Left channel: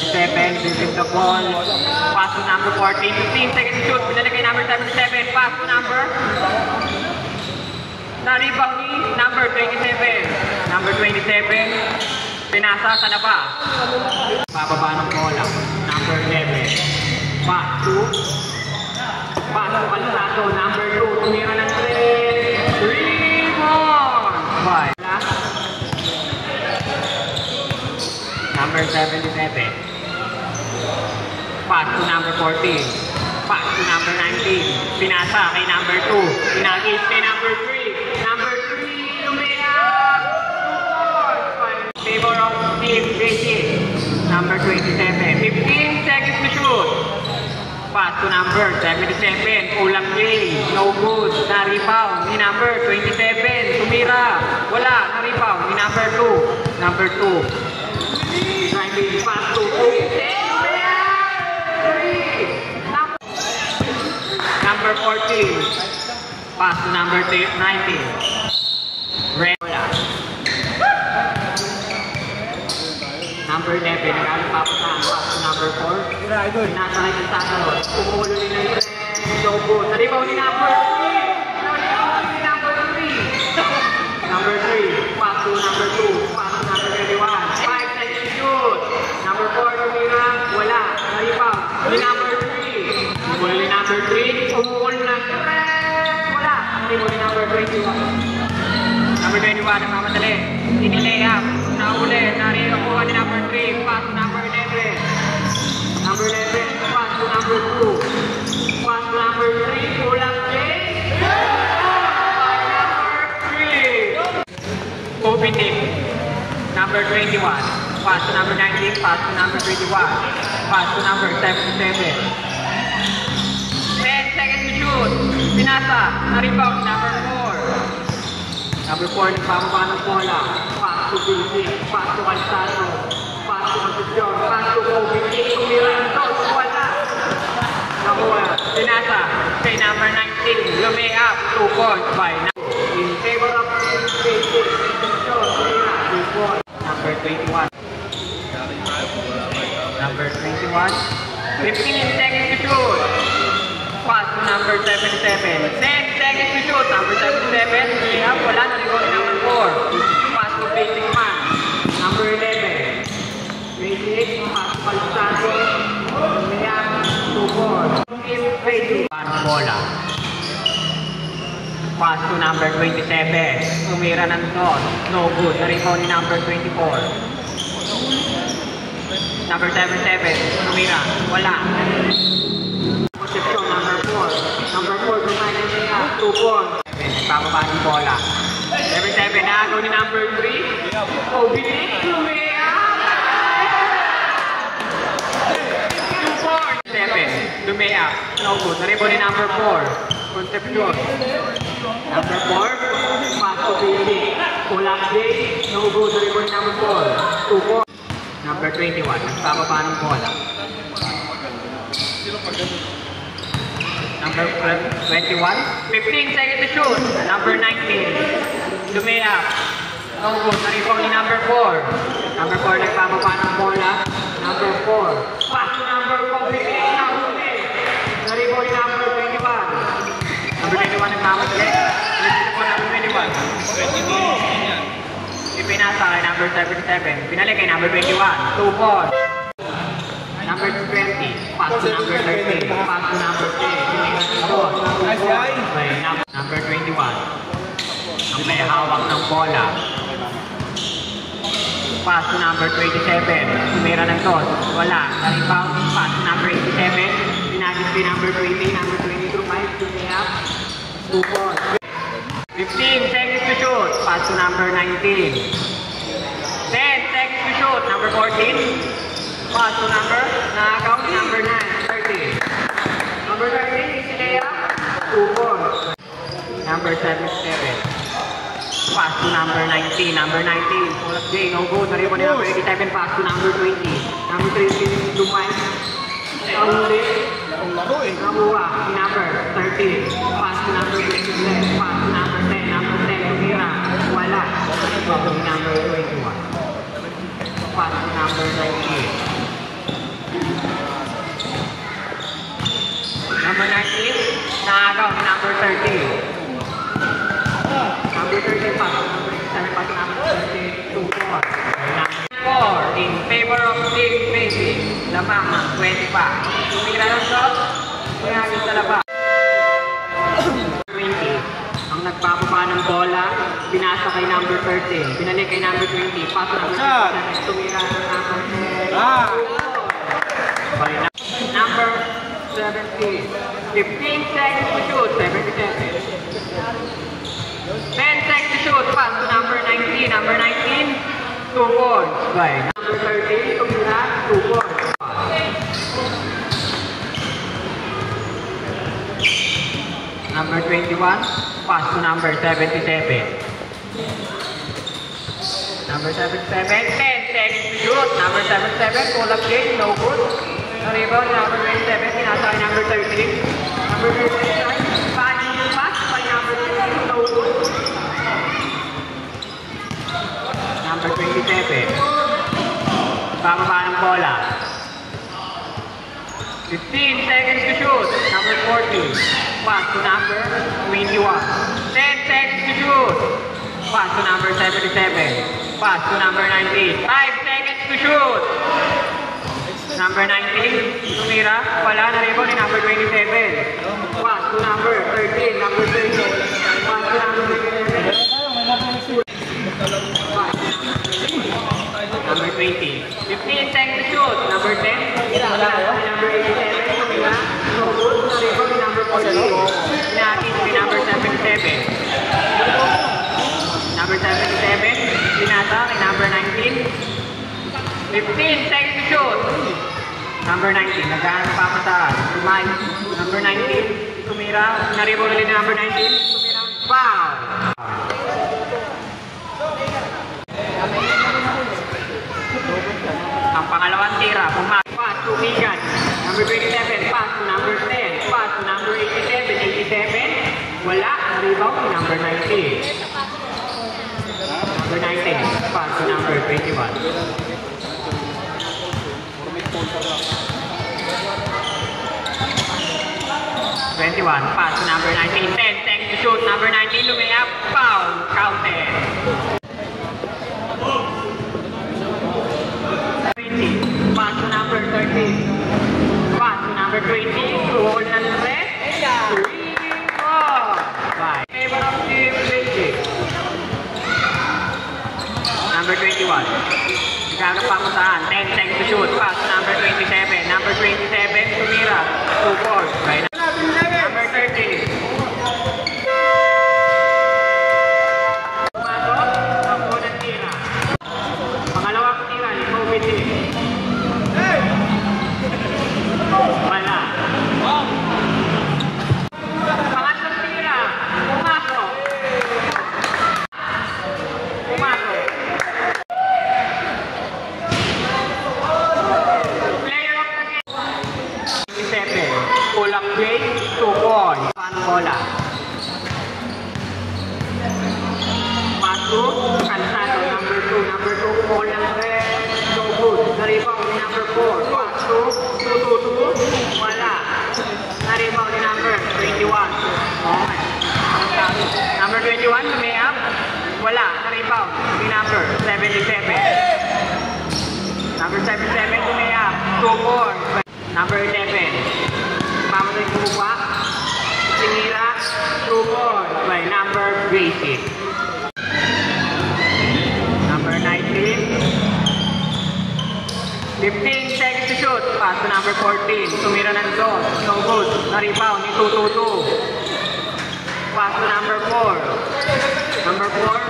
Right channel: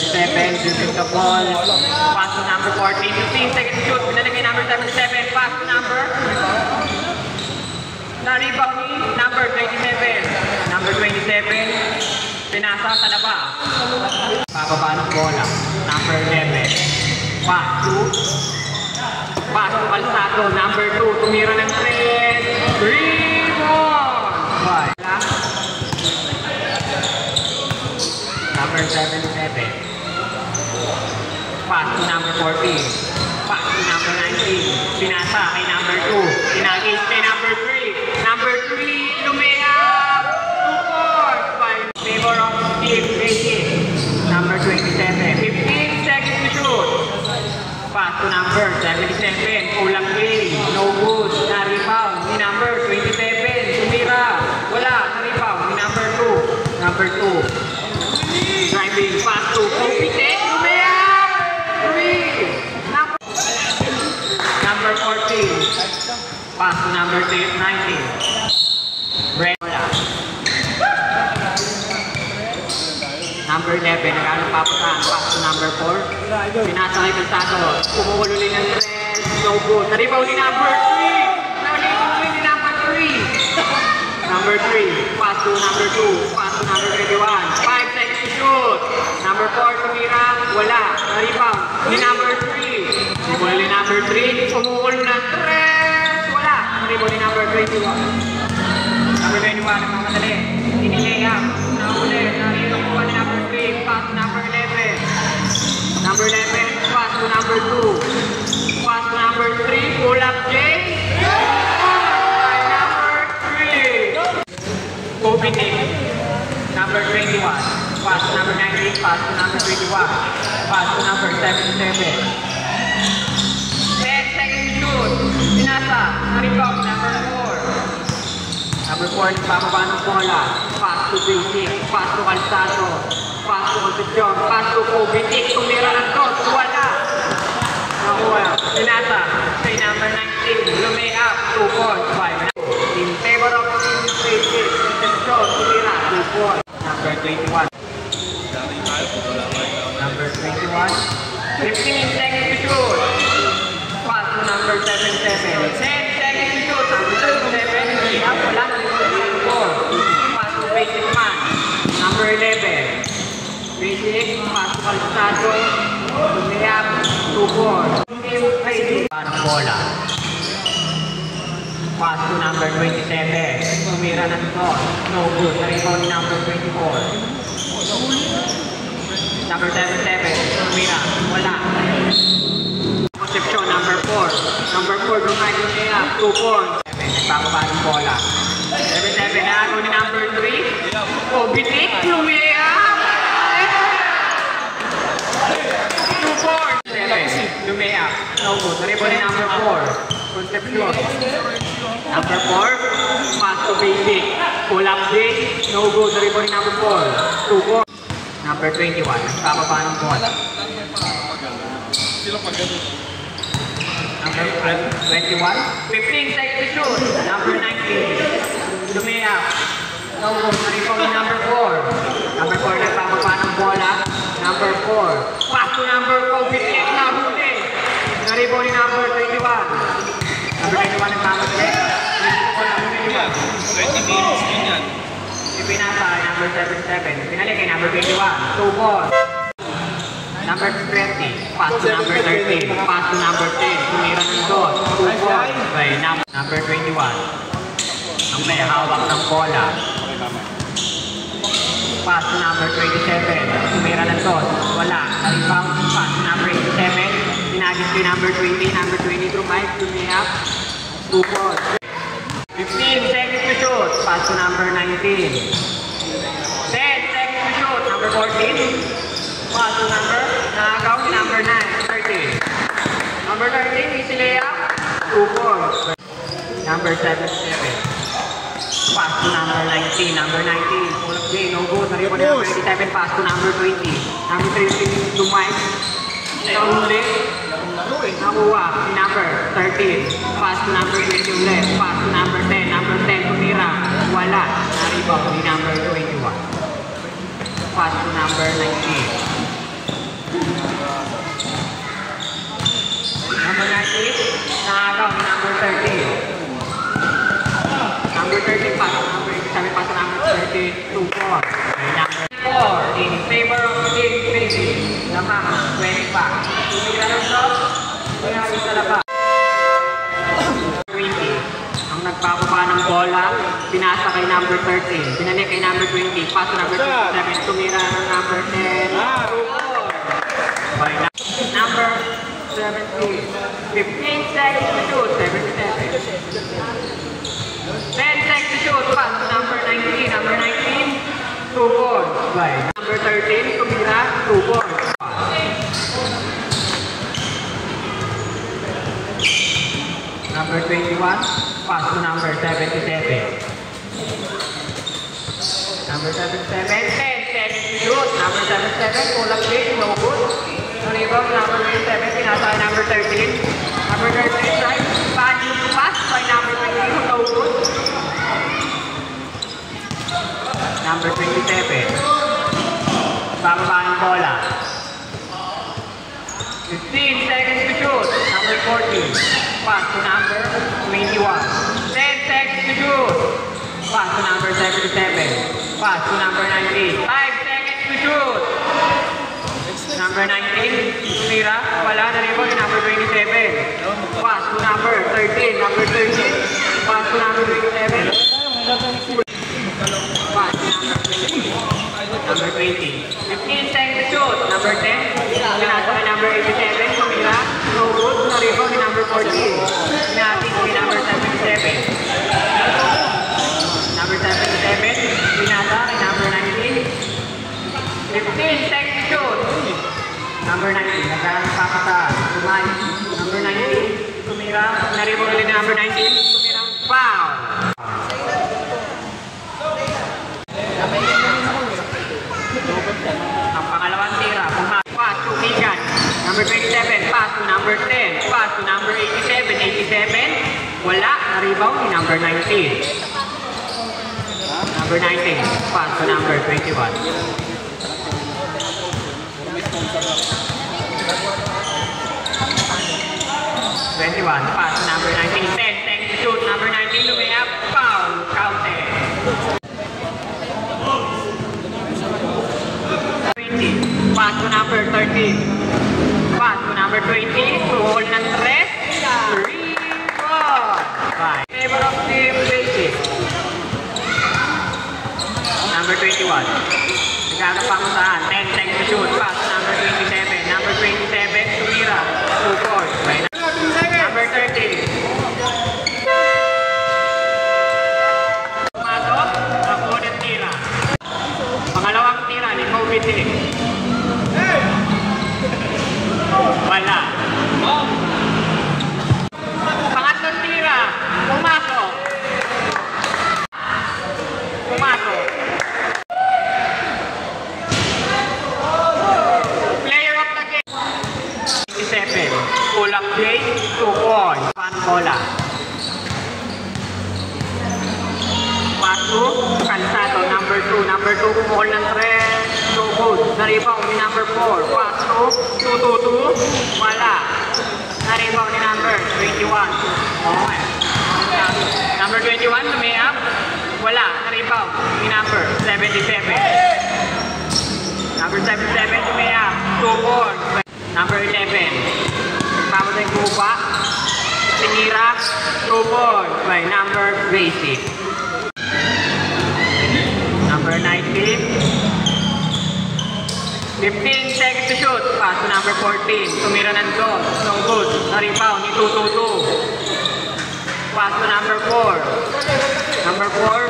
7, dribbling the ball. Pass to number 14, 15 seconds shoot. Nalagay number 7, pass to number. Na-rebound ni number 27. Number 27, pinasa sa labas. Bababa ng bola. Number 11. Pass to Calzado. Number 2, tumira ng 3. 3 ball. Number 77. Pass to number 14. Pass to number 19. Pinasa kay number 2. Pinagis kay number 3. Number 3, lumea. Favor of team David. Number 27. 15 seconds to shoot. Pass to number 77. Ulang play. No good. Na-rebound ni number 27. Tumira. Wala. Na-rebound ni number 2. Number 2. Driving pass to number 14. Pass to number 19. Number 11. Pass to number 4. Pinasakay ng tato. Umuulo din ng 3. No good. Naribaw ni number 3. Naribaw ni number 3. Number 3. Pass to number 2. Pass to number 21. Number 4, tumira, wala, naribaw, ni number 3. Naribaw ni number 3, umuulo na 3, wala, naribaw ni number 20. Number 21, nakamadali, sinilea, nauli, naribaw ni number 3, pass number 11. Number 11, pass to number 2. Pass to number 3, pulang J. By number 3. Kobe Nick, number 21. Pass to number 19, pass to number 21, pass to number 77. 10 seconds shoot. Pinasa, na-rebound, number 4. Number 4, nagbababa ng bola. Pass to Basic, pass to Calzado, pass to Position, pass to Kobe, tumiran ko, wala. Pinasa, kay number 19, lumay up, 2 points by in favor of Basic, Position, tumiran, 2 points. Number 21. Number 21. 15 seconds to shoot. Pass to number 77. 10 seconds to shoot. Number 77. Kaya wala na rin number 4. Pass to Basic Man. Number 11. Basic. Pass to Calzado. Kaya 2-4. Bola. Pass to number 27. Tumira ng cross. No good. Na-rebound ni number 24. Number 77, tumira, wala. Conception, number 4. Number 4, Brian Kaya, 2-4. Bababa ng bola. Number 7, nagawa ni number 3. Obitik, tumira. 2-4. 7, lumea. No good. Naribo ni number 4. Conception. Number 4, pass to Basic. Pulang Big, no good. Naribo ni number 4. 2-4. Number 21, nagbababa ng bola. Number 21, 15 seconds to shoot. Number 19, lumea. No good, naribaw ni number 4. Number 4, nagbababa ng bola. Number 4, pass to number 4, bitik na huli. Naribaw ni number 21. Number 21, nagmamadali. Number 21. 20 minutes din yan. Pinasa kay number 77. Pinalik kay number 21. 2 balls. Number 20. Pass to number 13. Pass to number 10. Tumira ng 2 balls. Okay, number 21. May hawak ng bola. Pass to number 27. Tumira ng 2. Wala. Rebound. Pass to number 87. Pinagis kay number 20. Number 22. Tumira. 2 balls. 15 seconds to shoot. Pass to number 19. 10 seconds to shoot. Number 14. Pass to number. Nakaw ni number 9. 13. Number 13. Isilea. 2 balls. Number 77. Pass to number 19. Number 19. Full of play. No good. Naripo ni number 27. Pass to number 20. Number 13. Lumay. Nahuli. Nakuha. Si number 13. Pass to number 11. Pass to number 10. Number 10. Tumira. Wala. Naripo ni number 21. Pass to number 19. lamang ng 20 pa. Tumira ng shot, mayayos sa labas. 20. Ang nagpapaba ng bola, pinasa kay number 13. Binalik kay number 20. Pass to number 7. Tumira ng number 10. Number 17. 15 seconds to shoot. 70 seconds. 10 seconds to shoot. Pass to number 19. Number 19. 2 points. Right. Number 13. Tumira. 2 points. Number 21, pass to number 77. Number 77, 10 seconds to shoot. Number 77, pull up kick, no good. Rebound, number 27, pinasa kay number 13. Number 13, right, body pass by number 13, no good. Number 27, bababa ng bola. 15 seconds to shoot. Number 14. Pass to number 21. 10 seconds to shoot. Pass to number 77. Pass to number 19. 5 seconds to shoot. Number 19. Tumira. Wala na rin po. Number 27. Pass to number 13. Number 13. Pass to number 27. Number 20. 15 seconds to shoot. Number 10. Number 87. Tumira. No good. Na rin po. Number 14. Natin si number 77. Number 77. Pinasa kay number 19. 15 seconds to shoot. Number 19. Nagkaroon pa pa sa Tumay. Number 19. Tumira. Naribol ni number 19. Tumira. Foul. Ang pangalawang tira. Pass to Megan. Number 27. Pass to number 10. Pass to number 87. 87. Wala. Rebound ni number 19. Number 19. Pass to number 21. 21. Pass to number 19. 10 seconds to shoot. Number 19. Lumiyap. Foul. Counted. 20. Pass to number 13. Pass to number 20. Wall ng 3. Favor of Team Basic. Number 21. Nagkakapak mo saan. 10 seconds to shoot. Pass to number 27. Number 27. Tumira. 2 points. Number 13. Unang tira. Pangalawang tira ni Covid. Wala. Pangatlong tira. Pumasok. Pumasok. Player of the game. 27. Pulang game. 2 points. Panola. Pasu. Kalsado. Number 2. Number 2. Ball ng red. So good. Naribaw ni number 4. Pasu. 2-2-2. Wala. Naribaw ni number 21. Number 21. Tumiyap. Wala. Naribaw ni number 77. Number 77. Tumiyap. 2 points. Number 11. Pamalik Lupa. Sinira. 2 points by number Basic. Number 19. 15 seconds to shoot. Pass to number 14. Tumira ng go. So good. Naribaw ni 2-2-2. Pass to number 4. Number 4.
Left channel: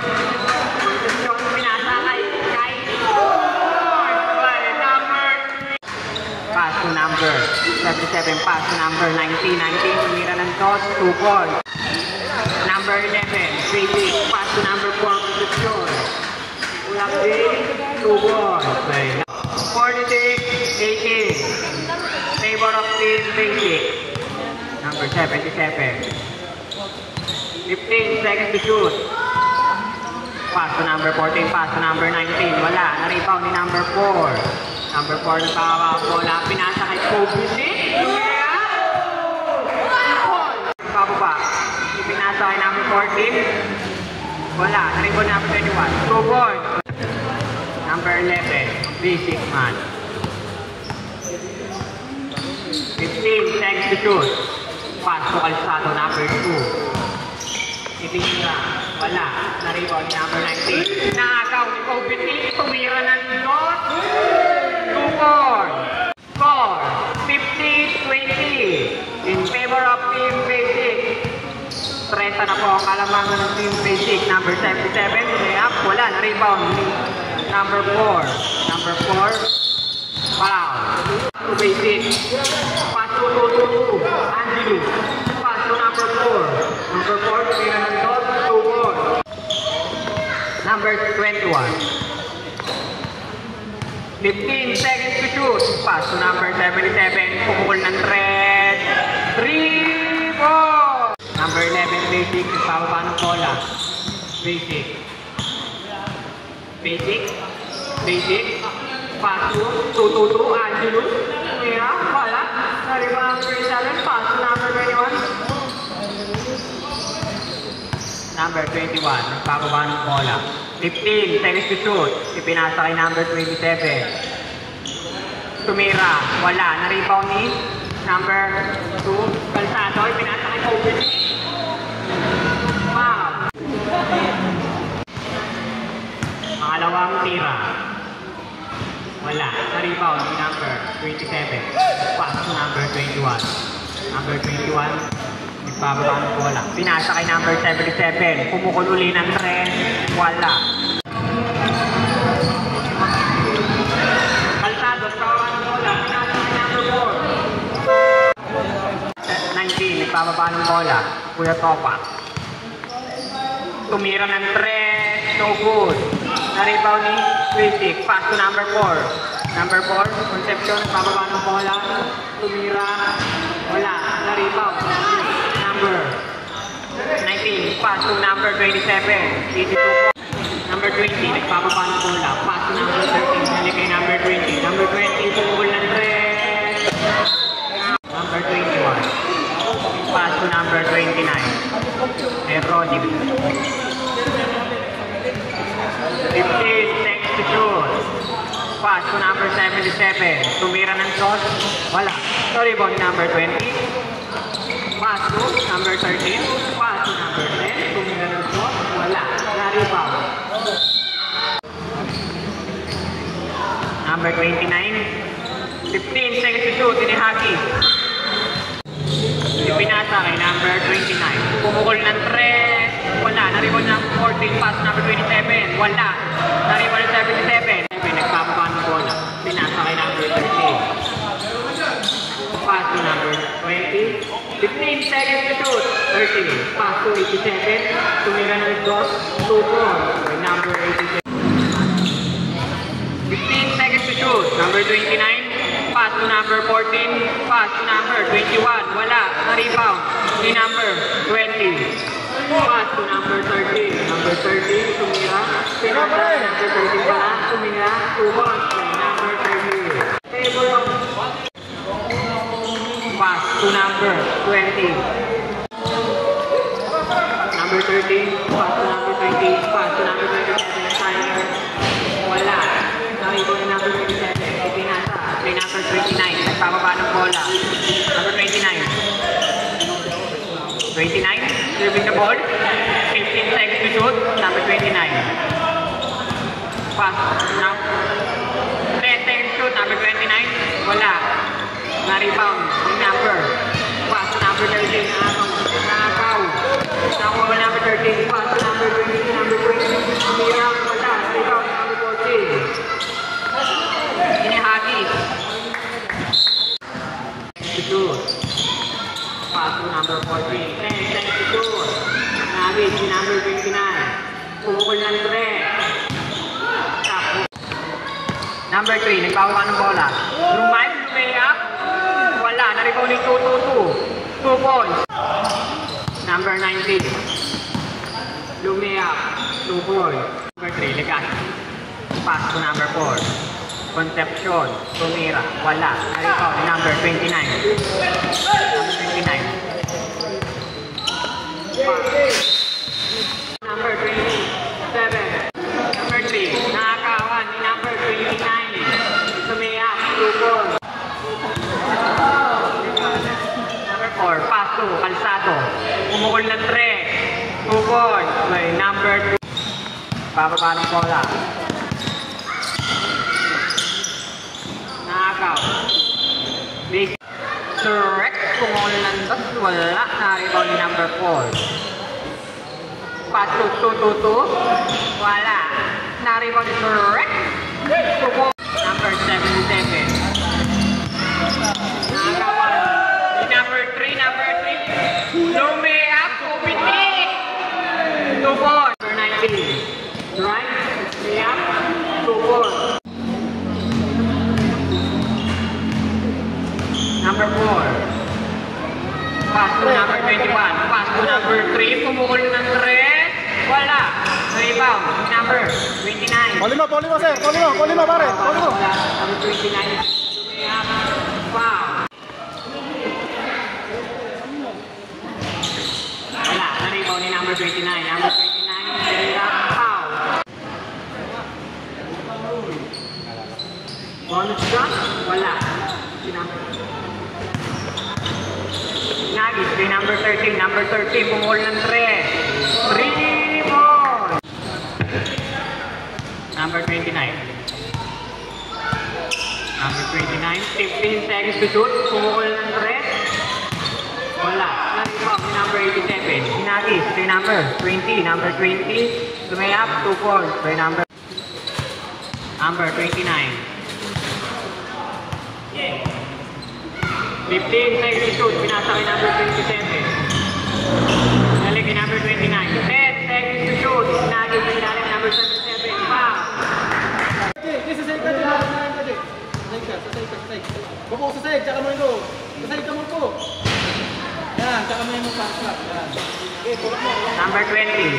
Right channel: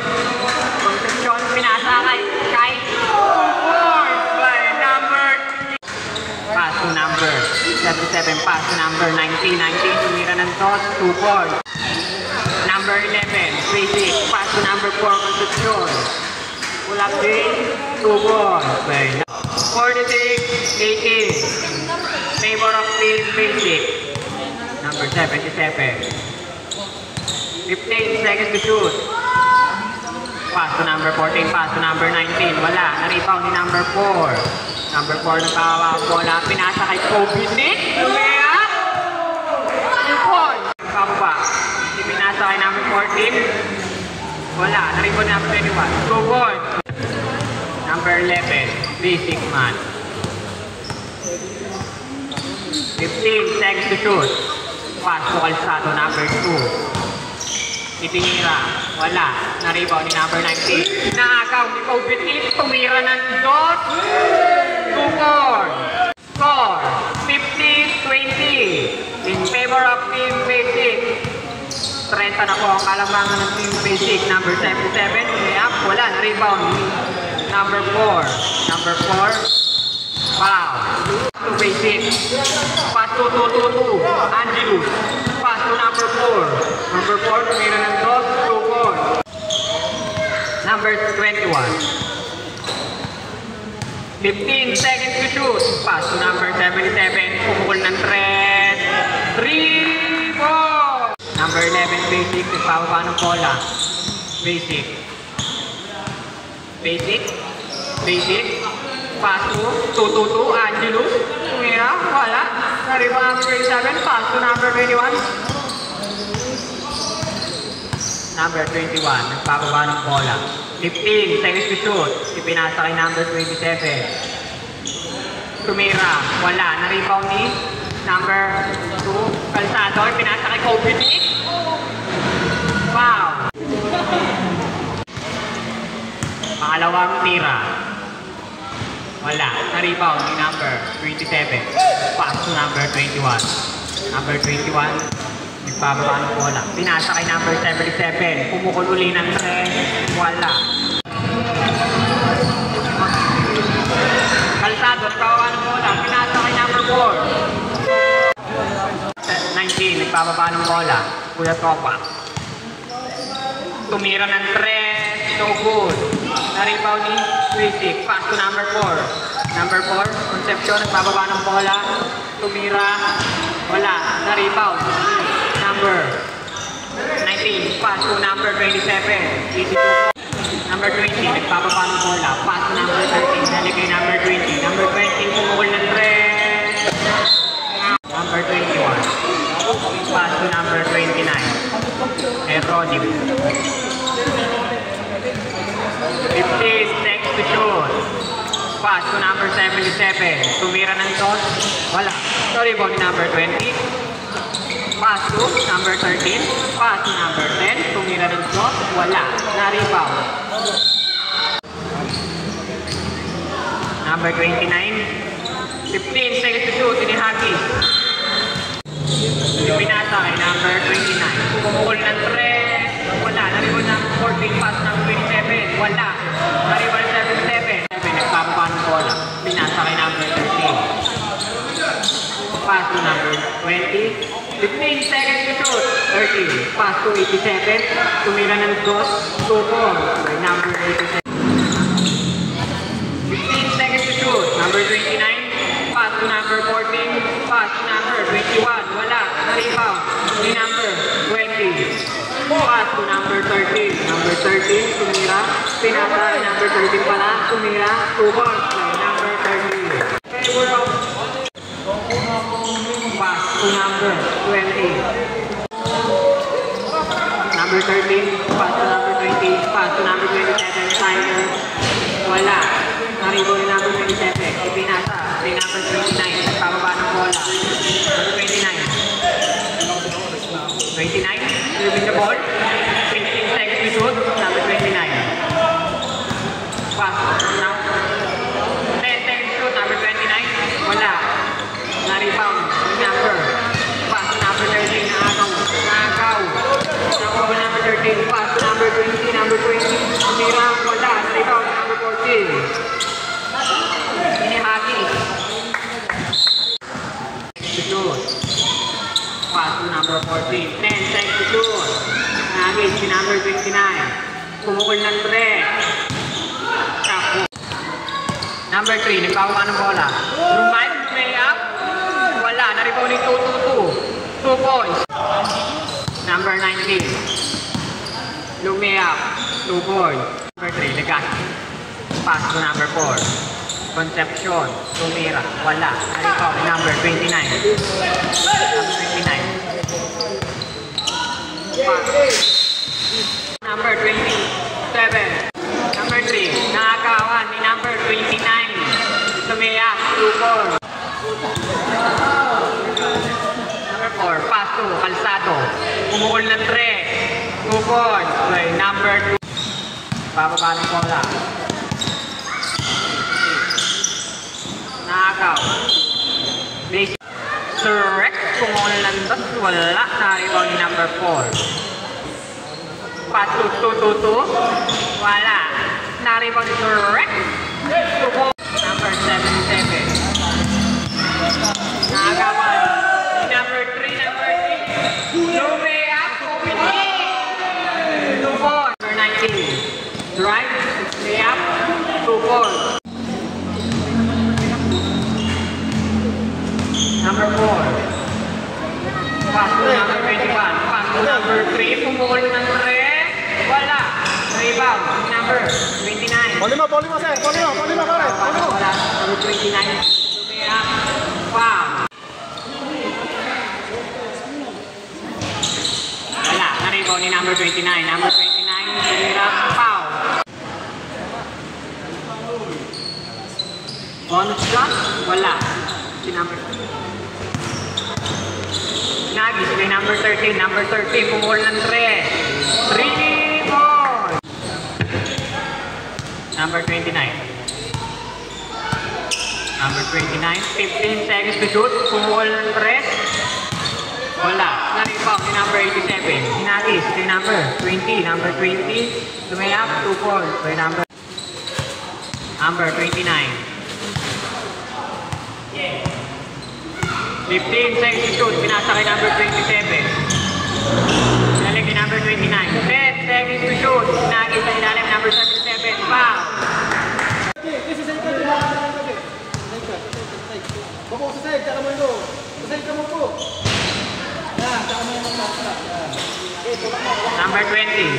Shot pinasa kay 4 by number 3. Pass to number 77. Pass to number 19. 19. Tumira ng go. 2 points. Number 11. 3-6. Pass to number 4. Concepcion. Ulap din. 2 points. 46-18. Favor of Team Basic. Number 77. 15 seconds to shoot. Pass to number 14. Pass to number 19. Wala. Naripaw ni number 4. Number 4 nakawa ang bola. Pinasa kay Kobe Nick. Pababa. Ipinasa kay number 14. Wala. Naripaw number 21. 2 points. Number 11. Basic man. 15 seconds to shoot. Pass to Calzado, number 2. Itinira. Wala. Na-rebound ni number 19. Naagaw ni Kobe T. Tumira ng shot. 2-4. Score. 50-20. In favor of Team Basic. Presa na po ang kalamangan ng Team Basic. Number 77. Tumira. Wala. Rebound ni number 4. Number 4. Wow. Basic. Pass to 2-2-2. Angelou. Pass to number 4. Number 4. Tumira ng shot. 2-4. Number 21. 15 seconds to shoot. Pass to number 77. Pumukol ng thread. 3-4. Number 11, Basic. Nagpawa ng bola. Basic. Basic. Basic. Pass to 2-2-2. Angelou. Tumira. Wala. Sorry ko number 27. Pass to number 21. Number 21. Nagpapaba ng bola. 15 seconds to shoot. Ipinasa kay number 27. Tumira. Wala. Na-rebound ni number 2. Calzado. Ipinasa kay Kobe T. Wow. Pangalawang tira. Wala. Na-rebound ni number 27. Pass to number 21. Number 21. Nagpapaba ng bola. Pinasa kay number 77. Pumukol uli ng red. Wala. Calzado, nagpapaba ng bola. Pinasa kay number 4. 19. Nagpapaba ng bola. Kuya Topa. Tumira ng red. So good. Na-rebound ni Basic. Pass to number 4. Number 4. Concepcion. Nagpapaba ng bola. Tumira. Wala. Na-rebound. Number 19, pass to number 27, 82 po. Number 20, nagpapapa ng bola. Pass to number 13, dali kay number 20. Number 20, sumukol ng red. Number 21, pass to number 29. Erodim. 15 seconds to shoot. Pass to number 77. Tumira ng shot. Wala. Sorry po ni number 20. Pass to number 13. Pass to number 10. Tumira ng shot. Wala. Na-rebound. Number 29. 15 seconds to shoot. Inihagi. Pinasa kay number 29. Pumukol ng 3. Wala. Na-rebound ng 14. Pass number 27. Wala. Na-rebound ng 77. Nagpapaba ng bola. Pinasa kay number 13. Pass to number 20. 15 seconds to shoot. 30. Pass to 87. Tumira ng cross. 2-4. Number 87. 15 seconds to shoot. Number 29. Pass to number 14. Pass to number 21. Wala. Na-rebound. Ni number 20. Pass to number 13. Number 13. Tumira. Pinasa. Number 13 pala. Tumira. 2-1. Number 13. Favor of pass to number 20. Number 13, pass to number 20, pass to number 27, Tyler. Wala. Na-rebound ni number 27. Ipinasa. Kay number 29. Nagpapaba ng bola. Number 29. 29. Serving the ball. 15 seconds to shoot. Number 29. Pass. Now. 10 seconds to shoot. Number 29. Wala. Na-rebound ni number. Pass to number 13. Nakaw. Nakaw number 13. Pass to number 20. Number 20. Tumira. Wala. Rebound number 14. Inihagi. Pass to number 14. 10 seconds to shoot. Nagis si number 59. Pumukol ng 3. Number 3. Nagpawa ng bola. Rumay. Layup. Wala. Na-rebound ni 2-2-2. 2 points. Number 19. Lumea. 2 points. Number 3. Legaspi. Pass to number 4. Concepcion. Tumira. Wala. Na-rebound ni number 29. 29. Number 27. Number 3. Nakakawan ni number 29. Lumea. 2 points. Number 4, paso, kalsado. Pumukol ng 3. Bukod. Okay, number 2. Bababa ng bola. Nakakaw. Basic. Correct. Pumukol ng 2. Wala. Narito ni number 4. Paso, 2-2-2. Wala. Narito ni correct. Bukod. Number 7-7. Number 3. Lumea, Number 19. Right? Yeah. 2-4. Number 4. Pass to number 21. Pass to number 3. Pumukol ng 3. Wala. Rebound. Number 29. Polima, sir. Polima, pare. Number 29. Lumea. Foul. Wala. Narito ni number 29. Number 29. Lumea. Foul. Bonus shot. Wala. Si number Nagis may number 13. Number 13. Pumukol ng 3. 3-4. Number 29. Number 29. 15 seconds to shoot. Pumukol ng 3. Wala. Narito si number 87. Nagis si number 20. Number 20. Lumayap. 2-4. So number 29. 15 seconds to shoot, pinasa kay number 27. Galing kay number 29. 10 seconds to shoot, pinagin sa ilalim number 37. Pa! Bapak sa side, tsaka mo ito. Sa side ka mo po. Yan, tsaka mo yung Number 20.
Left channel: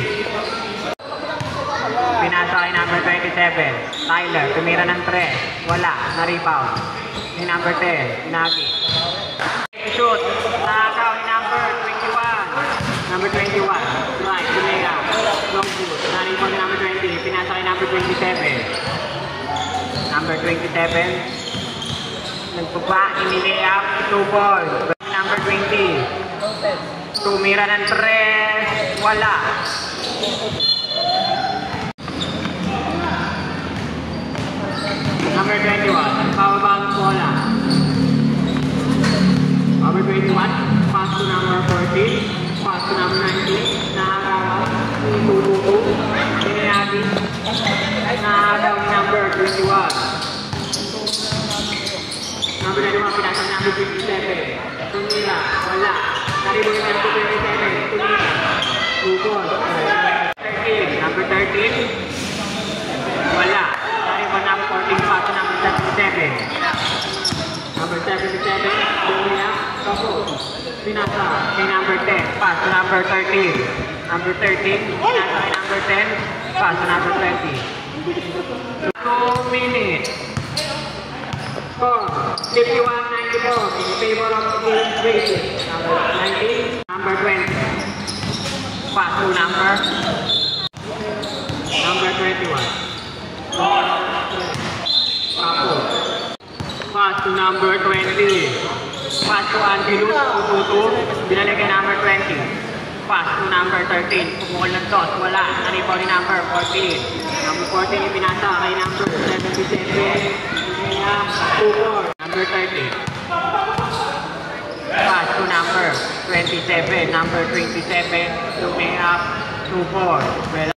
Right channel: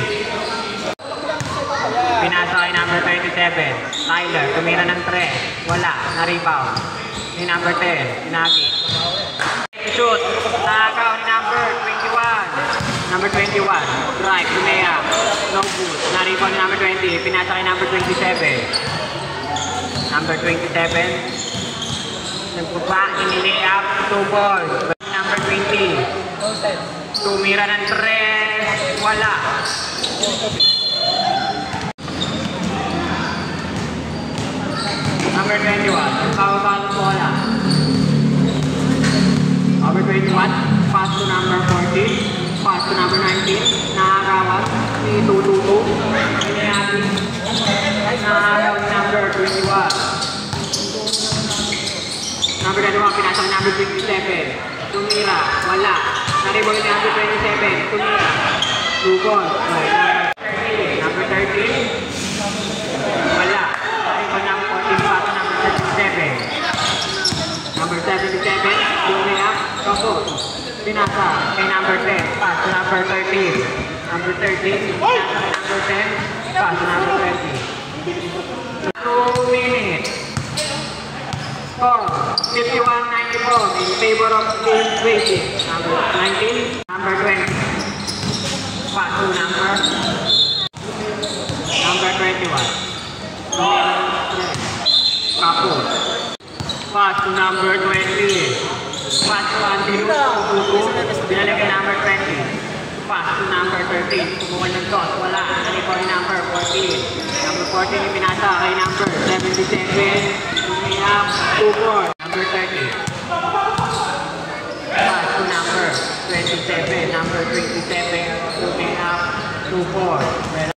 Pinasa kay number 27. Tyler, tumira ng 3. Wala, na-rebound. Yung number 10, pinagin. Shoot, nakakaw ni number 21. Number 21, right, Lumea. No good. Narito ni number 20, pinasa kay number 27. Number 27. Nagpapa, inilea, 2 ball. Number 20. Tumira ng 3. Wala. Number 21, pababa ng bola. Number 21, pass to number 14, pass to number 19, nakakawan, sinitutuko, inihagi, nakakaw ni number 21. Number 21, pinasa ni number 57, tumira, wala, naribog ni number 27, tumira, bukod, number 13, wala, naribog number 14, pass to number 37. Number 77, Lumea, Papo, pinasa kay number 10, pass to number 13. Number 13, pinasa kay number 10, pass to number 20. 2 minutes. Score, 51-94 in favor of Team Basic. Number 19, number 20. Pass to number 21. Papo. Pass to number 20. Pass to Angelus, Tututu, binalagay number 20. Pass to number 13. Pumukol ng toss, wala. Naripon ni number 14. Number 14 ipinasa kay number 77. Lumea, 2-4. Number 30. Pass to number 27. Number 27. Lumea, 2-4.